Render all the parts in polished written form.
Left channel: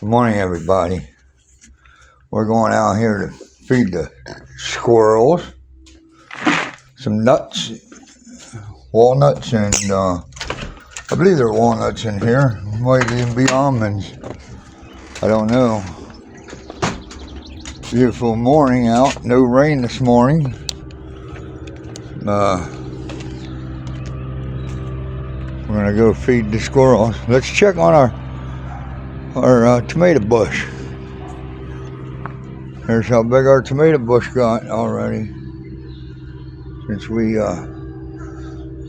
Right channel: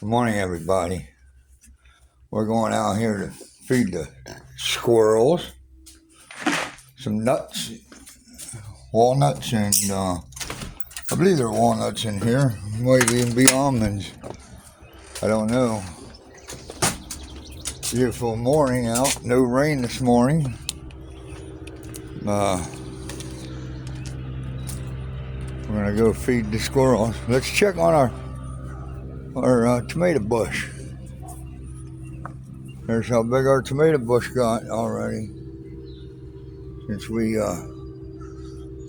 Good morning, everybody. We're going out here to feed the squirrels some nuts, walnuts, and I believe there are walnuts in here. Might even be almonds. I don't know. Beautiful morning out. No rain this morning. We're gonna go feed the squirrels. Let's check on our tomato bush. Here's how big our tomato bush got already since we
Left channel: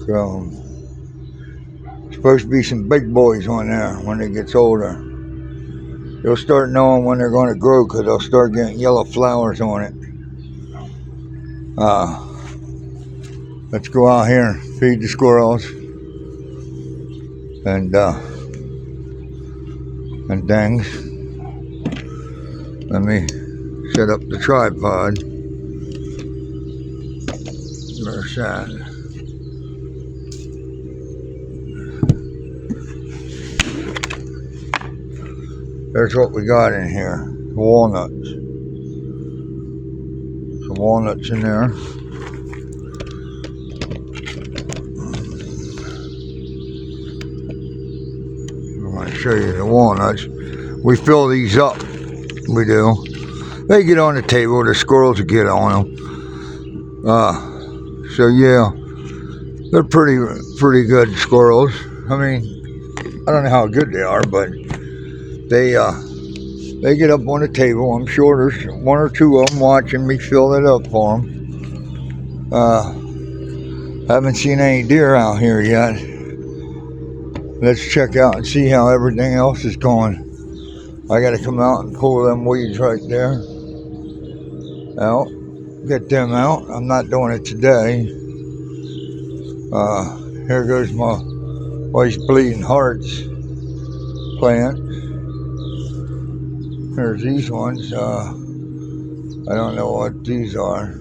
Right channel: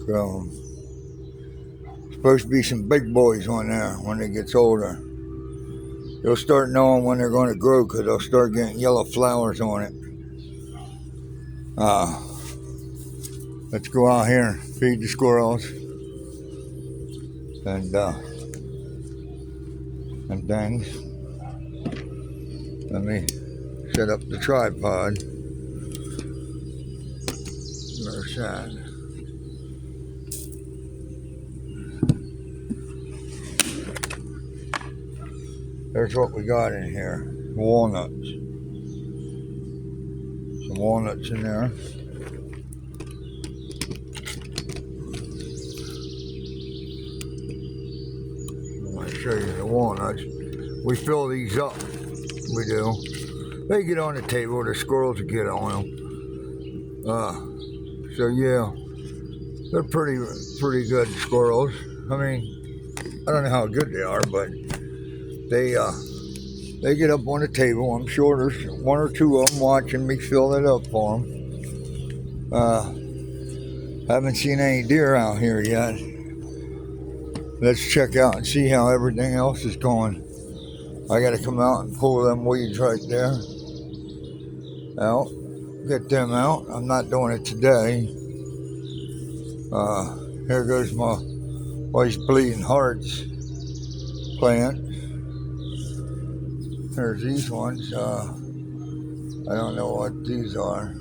grown. Supposed to be some big boys on there when it gets older. You'll start knowing when they're going to grow because they'll start getting yellow flowers on it. Let's go out here and feed the squirrels and things. Let me set up the tripod. There's that. There's what we got in here. Walnuts. Some walnuts in there. I'm going to show you the walnuts. We fill these up. We do. They get on the table. The squirrels will get on them. So yeah, they're pretty good squirrels. I mean, I don't know how good they are, but they get up on the table. I'm sure there's one or two of them watching me fill it up for them. Haven't seen any deer out here yet. Let's check out and see how everything else is going. I got to come out and pull them weeds right there out. Get them out. I'm not doing it today. Here goes my wife's bleeding hearts plant. There's these ones. I don't know what these are.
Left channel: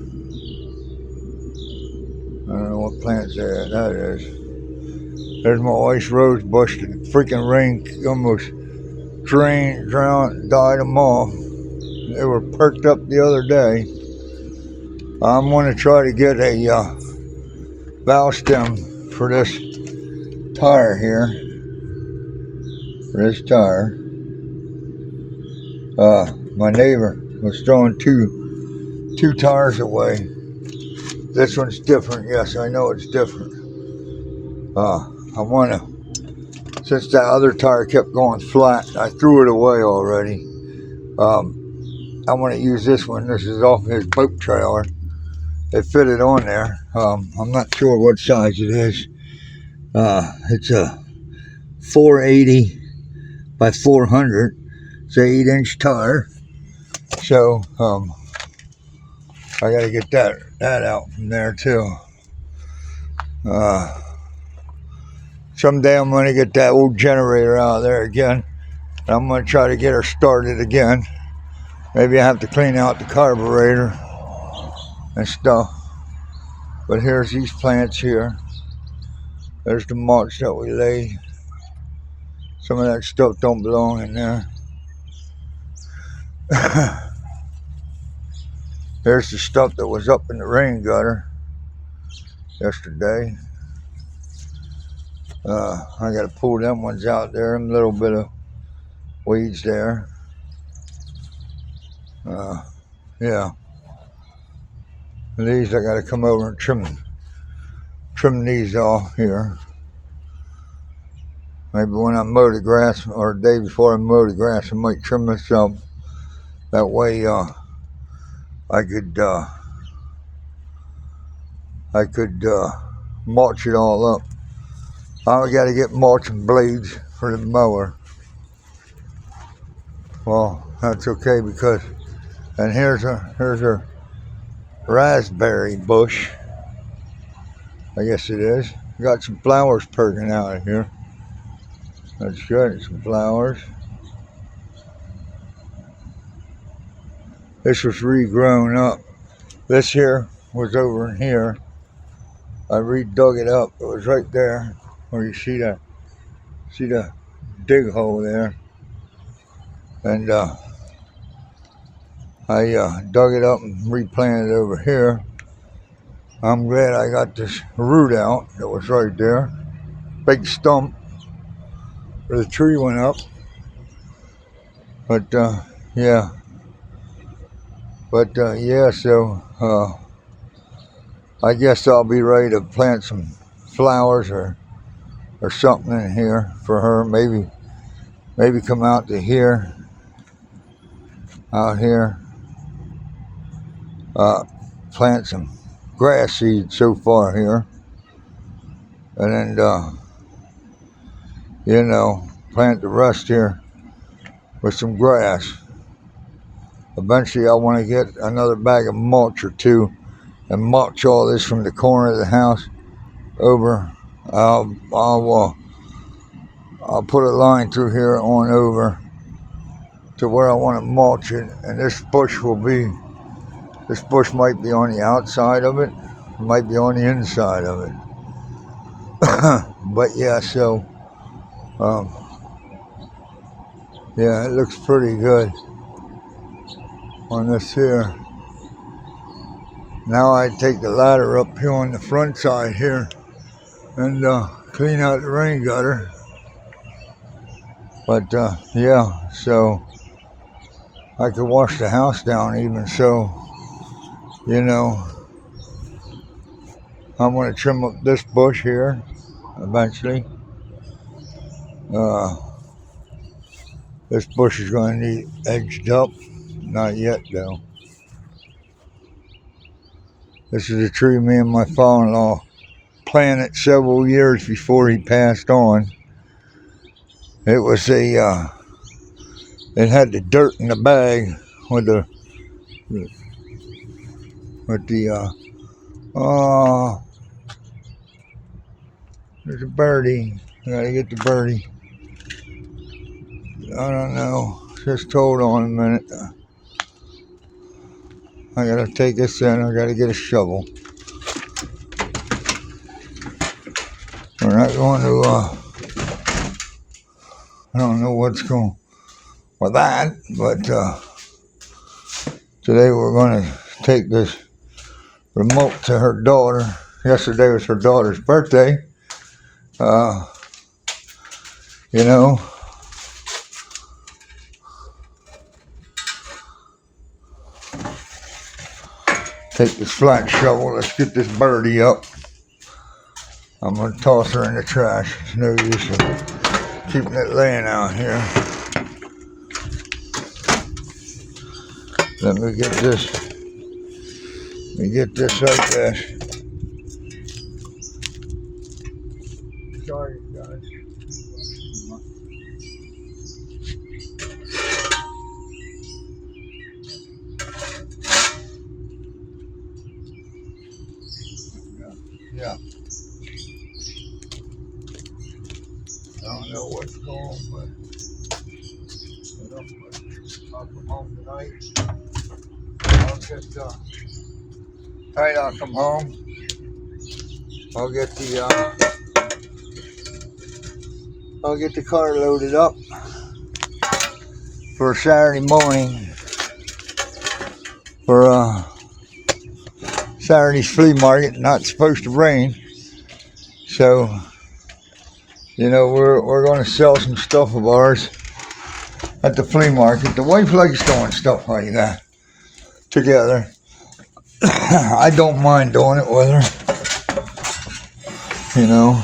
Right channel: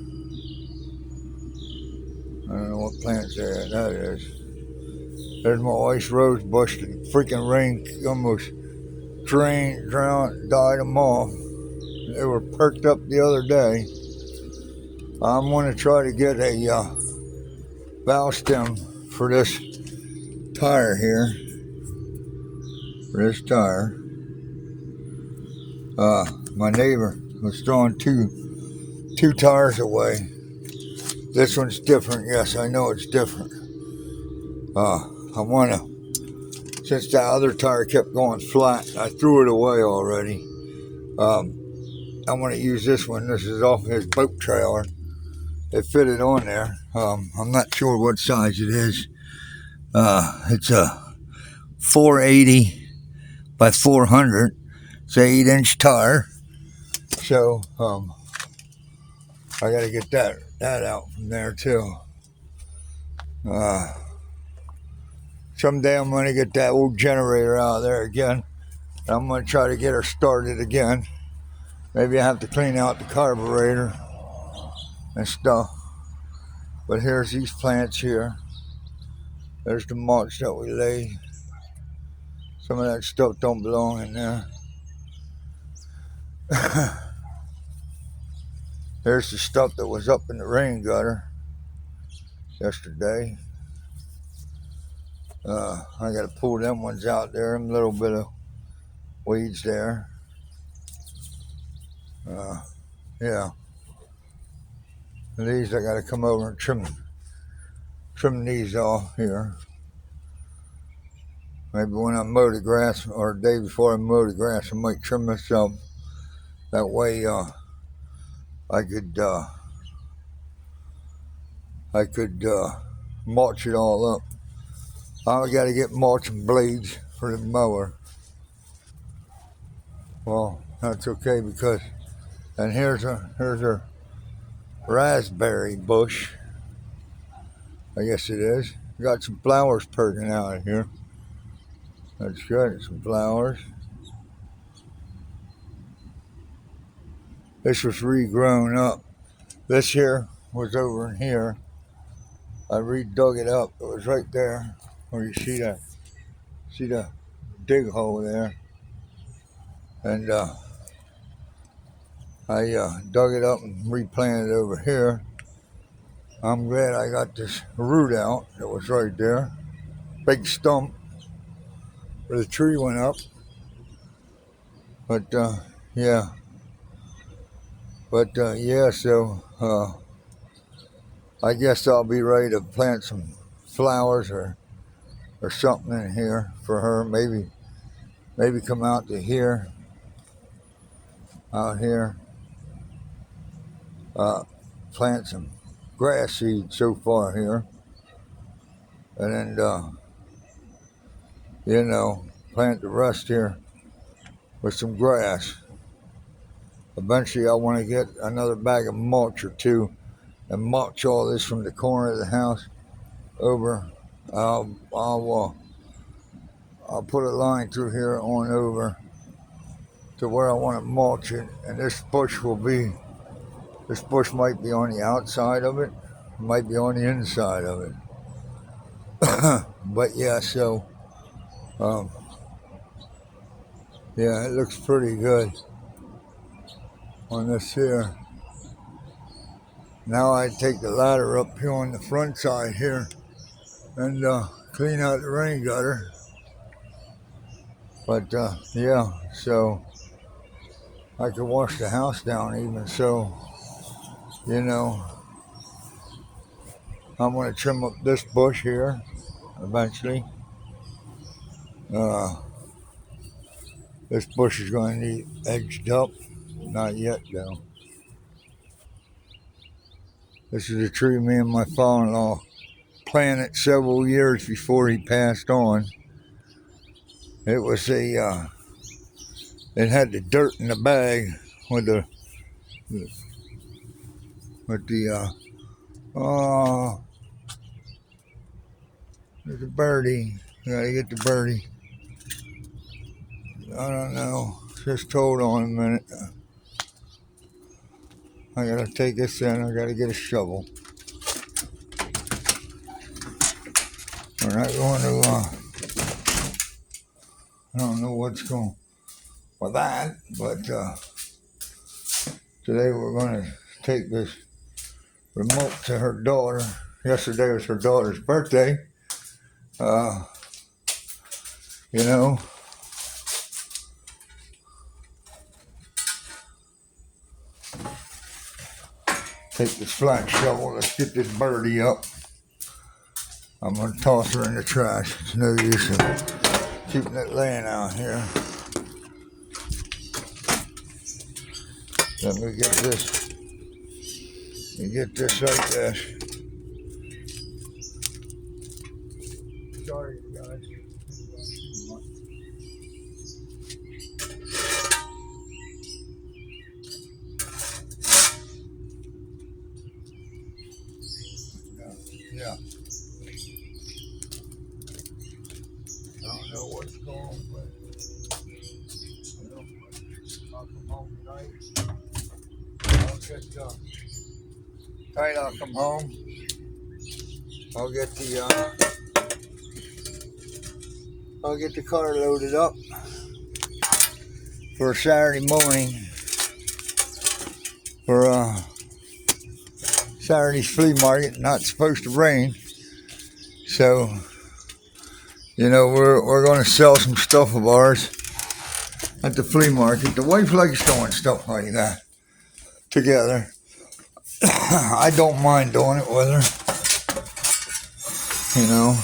I don't know what plants that is. There's my wife's rose bush. The freaking rain almost died them off. They were perked up the other day. I'm going to try to get a bow stem for this tire here. For this tire. My neighbor was throwing two tires away. This one's different. Yes, I know it's different. I want to, since that other tire kept going flat, I threw it away already. I want to use this one. This is off his boat trailer. They fit it on there. I'm not sure what size it is. It's a 480 by 400. It's an 8-inch tire. So I got to get that out from there too. Someday I'm going to get that old generator out of there again. And I'm going to try to get her started again. Maybe I have to clean out the carburetor and stuff. But here's these plants here. There's the mulch that we laid. Some of that stuff don't belong in there. There's the stuff that was up in the rain gutter yesterday. I got to pull them ones out there. A little bit of weeds there. Yeah. These I got to come over and trim these off here. Maybe when I mow the grass, or the day before I mow the grass, I might trim this up. That way, I could mulch it all up. I got to get mulching blades for the mower. Well, that's okay because, and here's a raspberry bush. I guess it is. Got some flowers perking out of here. That's good. Some flowers. This was regrown up. This here was over in here. I redug it up. It was right there where you see the dig hole there. and I dug it up and replanted it over here. I'm glad I got this root out that was right there. Big stump where the tree went up. But yeah. But yeah, so I guess I'll be ready to plant some flowers or something in here for her. Maybe come out to here, out here, plant some grass seeds so far here, and then you know, plant the rest here with some grass. Eventually, I want to get another bag of mulch or two and mulch all this from the corner of the house over. I'll put a line through here on over to where I want to mulch it, and this bush might be on the outside of it, it might be on the inside of it. But yeah, so yeah, it looks pretty good on this here. Now I take the ladder up here on the front side here and clean out the rain gutter. But yeah, so I could wash the house down even, so you know, I'm going to trim up this bush here eventually. This bush is going to need edged up. Not yet though. This is a tree me and my father-in-law planted several years before he passed on. It was it had the dirt in the bag with the there's a birdie. I gotta get the birdie. I don't know. Just hold on a minute. I gotta take this in. I gotta get a shovel. We're not going to, I don't know what's going with that, but today we're going to take this remote to her daughter. Yesterday was her daughter's birthday. You know, take this flat shovel. Let's get this birdie up. I'm going to toss her in the trash. It's no use in keeping it laying out here. Let me get this. Let me get this like this. Sorry, guys. Yeah. I don't know what's going on, but I'll come home tonight. I'll get tonight I'll come home. I'll get the car loaded up for Saturday morning for Saturday's flea market. Not supposed to rain, so you know we're going to sell some stuff of ours at the flea market. The wife likes doing stuff like that together. I don't mind doing it with her. You know,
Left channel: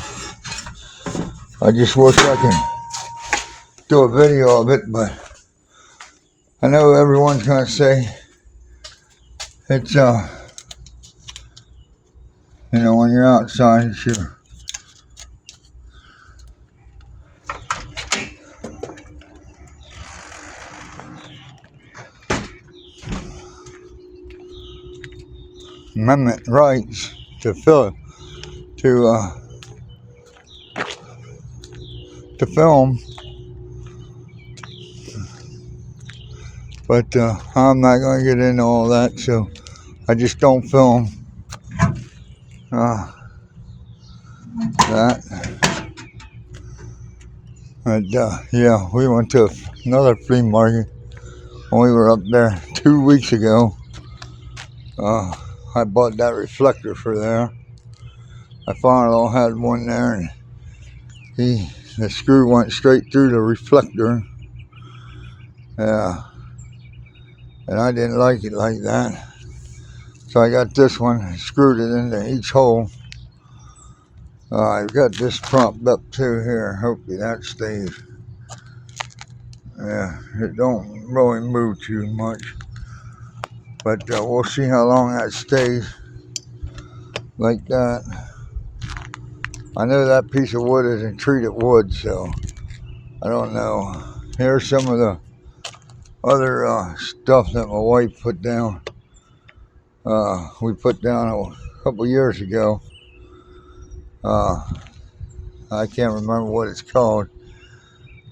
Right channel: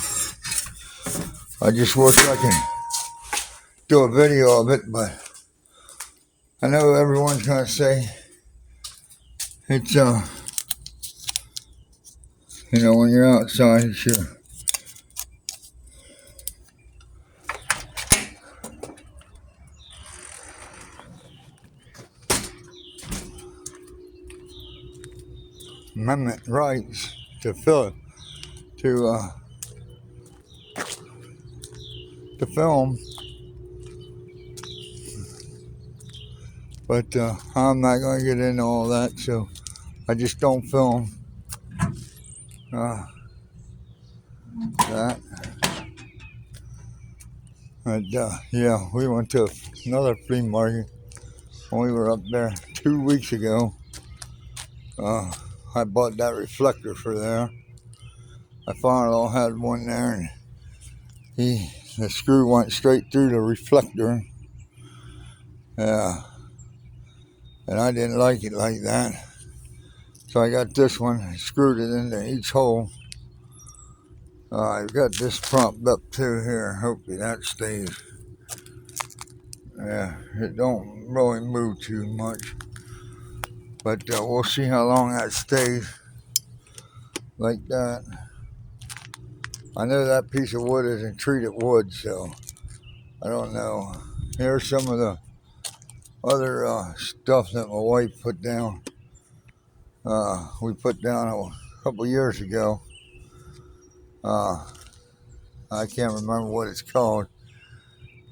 I just wish I can do a video of it, but I know everyone's gonna say it's you know, when you're outside, it's your amendment rights to film, but I'm not gonna get into all that, so I just don't film that. And yeah, we went to another flea market. We were up there 2 weeks ago. I bought that reflector for there. I finally had one there, and the screw went straight through the reflector. Yeah, and I didn't like it like that. So I got this one, screwed it into each hole. I've got this propped up too here. Hopefully that stays. Yeah, it don't really move too much. But we'll see how long that stays like that. I know that piece of wood isn't treated wood, so I don't know. Here's some of the other stuff that my wife put down. We put down a couple years ago. I can't remember what it's called.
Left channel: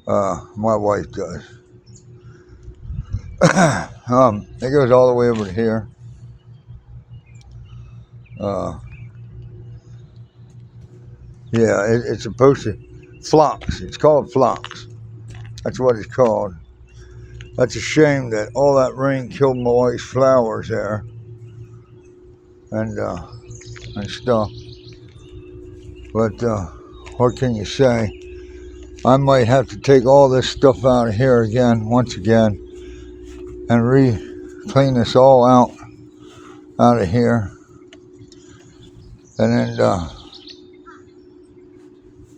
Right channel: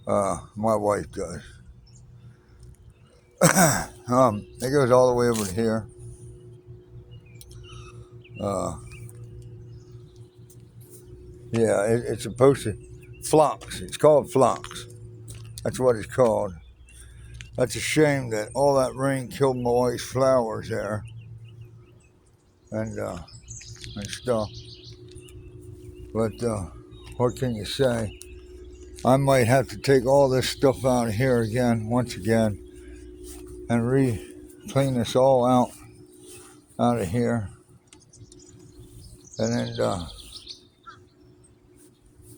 My wife does. It goes all the way over here. Yeah, it's supposed to phlox. It's called phlox. That's what it's called. That's a shame that all that rain killed my wife's flowers there, and stuff. But what can you say? I might have to take all this stuff out of here again, once again, and clean this all out of here, and then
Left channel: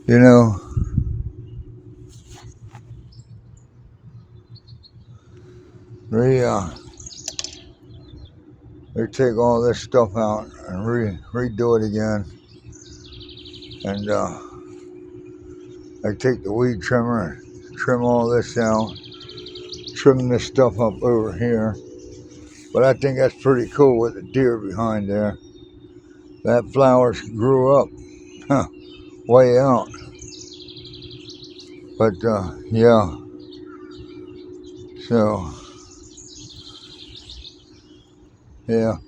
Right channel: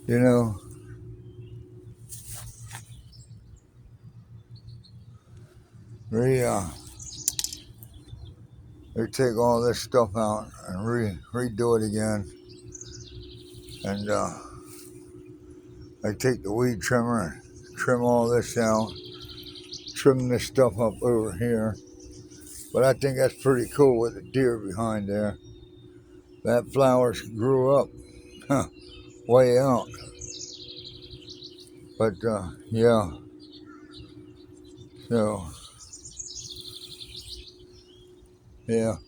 you know, take all this stuff out and redo it again, and I take the weed trimmer and trim all this out, trim this stuff up over here. But I think that's pretty cool with the deer behind there. That flowers grew up way out. But yeah, so yeah,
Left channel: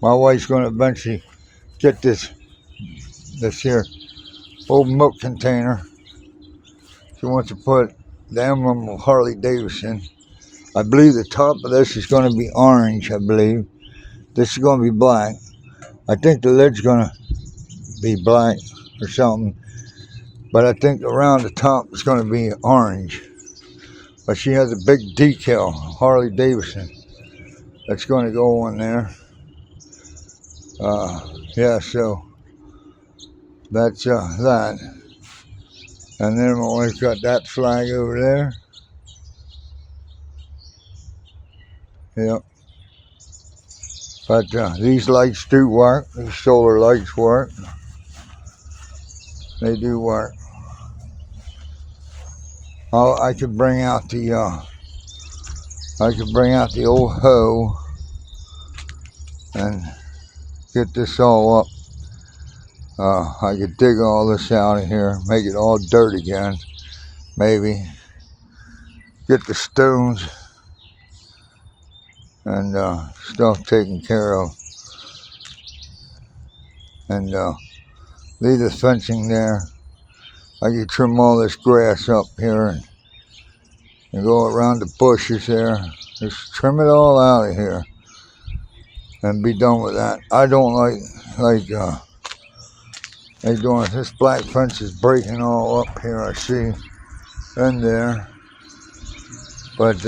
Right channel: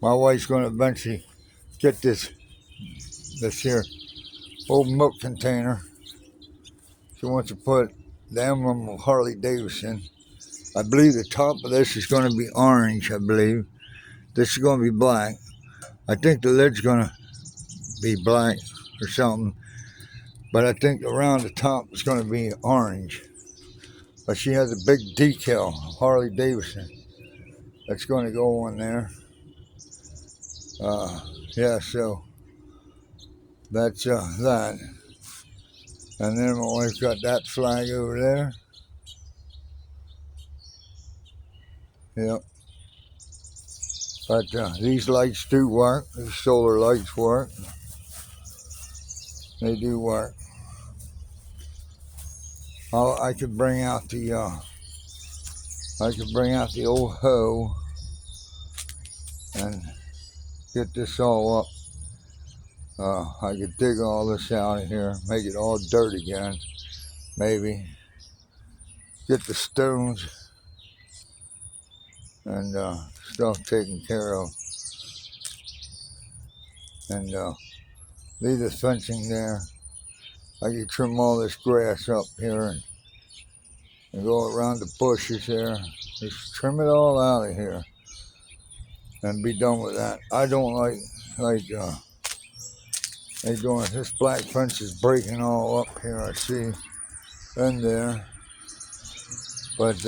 my wife's gonna eventually get this here old milk container. She wants to put the emblem of Harley Davidson. I believe the top of this is going to be orange, I believe. This is going to be black. I think the lid's going to be black or something. But I think around the top is going to be orange. But she has a big decal, Harley Davidson, that's going to go on there. Yeah, so that's that. And then my wife's got that flag over there. Yep. But these lights do work. These solar lights work. They do work. Oh, I could bring out the old hoe and get this all up. I could dig all this out of here, make it all dirt again, maybe. Get the stones and stuff taken care of. And leave the fencing there. I could trim all this grass up here and go around the bushes there. Just trim it all out of here and be done with that. I don't like they doing this black fence is breaking all up here, I see, in there. But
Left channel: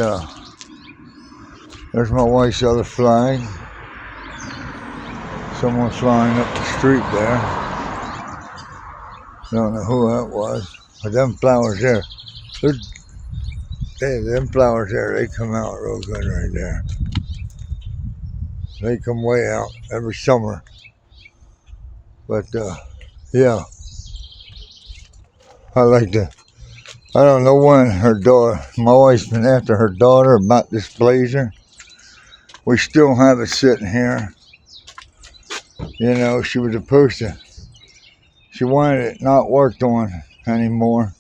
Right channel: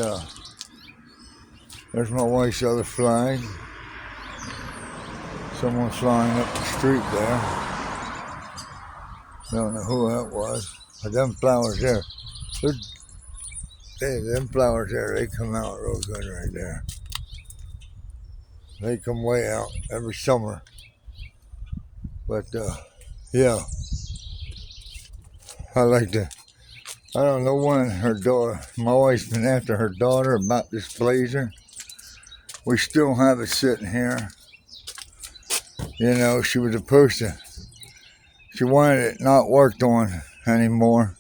there's my wife's other flag. Someone's flying up the street there. Don't know who that was, but them flowers there, them flowers there, they come out real good right there. They come way out every summer. But yeah, I like that. I don't know when my wife's been after her daughter about this blazer. We still have it sitting here. You know, she was supposed to, she wanted it not worked on anymore.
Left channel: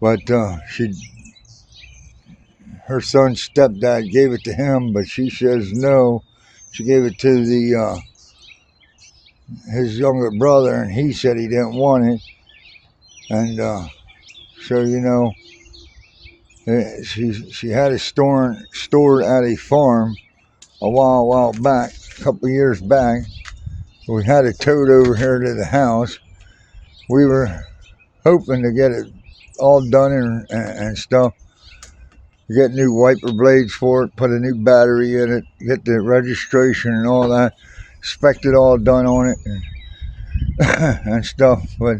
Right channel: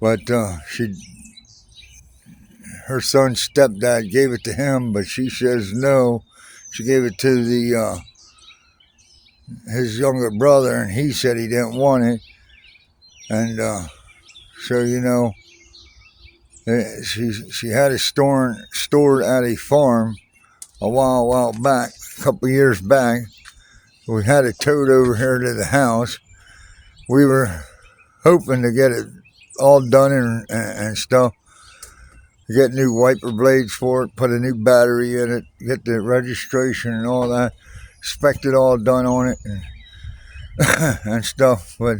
But her son's stepdad gave it to him, but she says no. She gave it to his younger brother, and he said he didn't want it. And So she had it stored at a farm a while back, a couple years back. We had it towed over here to the house. We were hoping to get it all done and stuff. Get new wiper blades for it, put a new battery in it, get the registration and all that. Expect it all done on it and stuff. But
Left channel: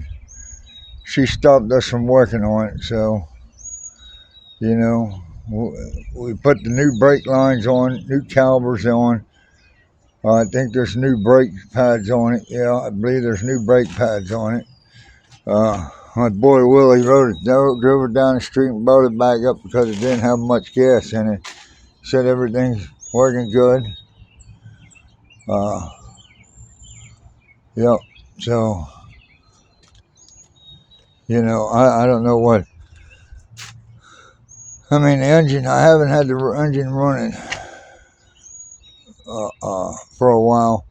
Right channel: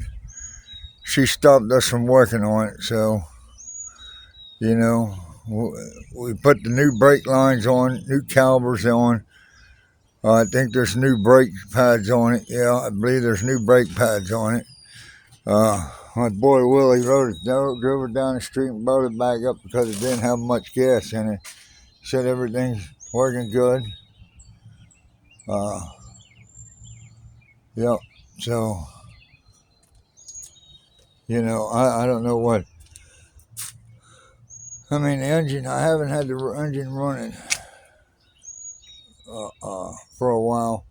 she stopped us from working on it. So, we put the new brake lines on, new calipers on. I think there's new brake pads on it. Yeah, I believe there's new brake pads on it. My boy Willie drove it down the street and brought it back up because it didn't have much gas in it. Said everything's working good. Yep. So, I don't know what. I mean, the engine, I haven't had the engine running for a while.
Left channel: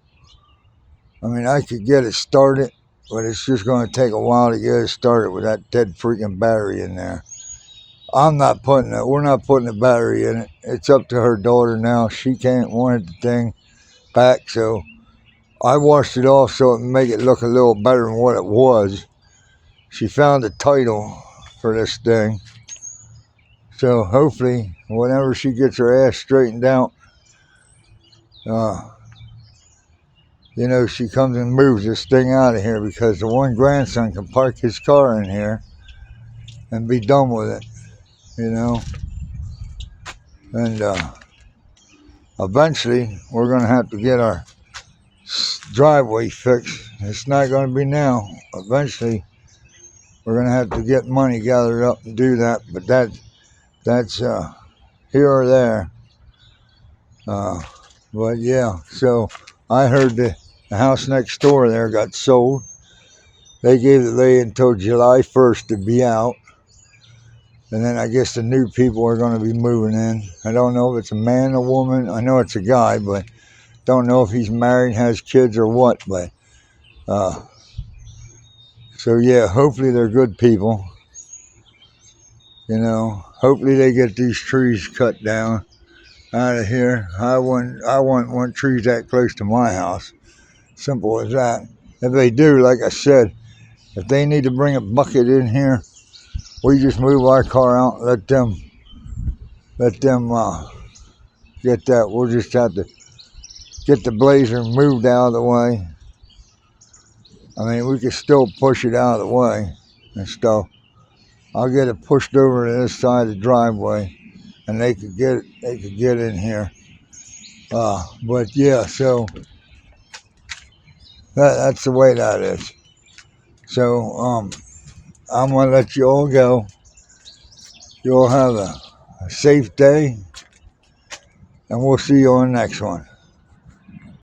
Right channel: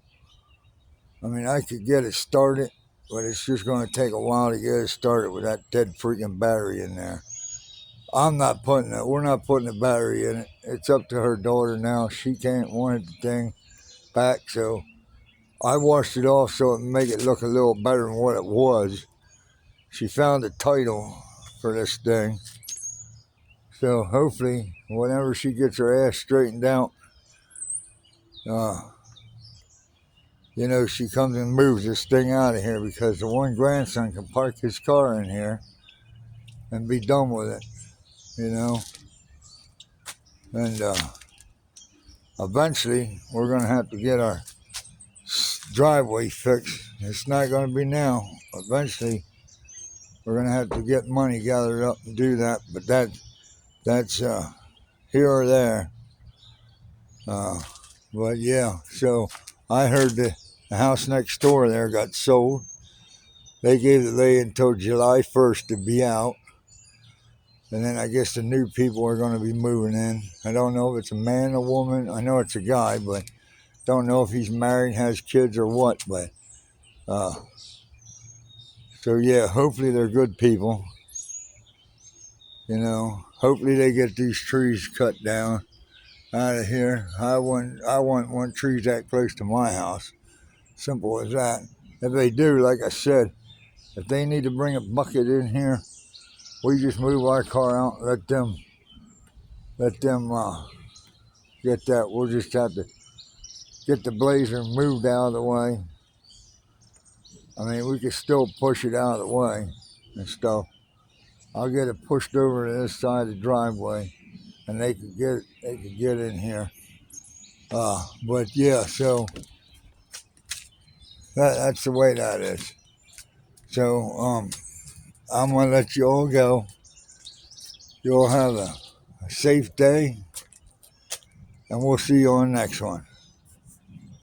I mean, I could get it started, but it's just going to take a while to get it started with that dead freaking battery in there. We're not putting a battery in it. It's up to her daughter now. She can't want the thing back, so I washed it off so it would make it look a little better than what it was. She found a title for this thing. So hopefully, whenever she gets her ass straightened out, she comes and moves this thing out of here, because the one grandson can park his car in here and be done with it, And eventually, we're going to have to get our driveway fixed. It's not going to be now. Eventually, we're going to have to get money gathered up and do that. But that's here or there. But yeah, so I heard the house next door there got sold. They gave the lady until July 1st to be out. And then I guess the new people are going to be moving in. I don't know if it's a man or woman. I know it's a guy, but don't know if he's married, has kids or what. But so yeah, hopefully they're good people. Hopefully they get these trees cut down out of here. I wouldn't want trees that close to my house. Simple as that. If they do, like I said, if they need to bring a bucket in here, we just move our car out and let them get that. We'll just have to get the blazer moved out of the way. I mean, we can still push it out of the way and stuff. I'll get it pushed over to this side of the driveway, and they could get in here. But yeah, so that's the way that is. So I'm gonna let you all go. You all have a safe day, and we'll see you on the next one.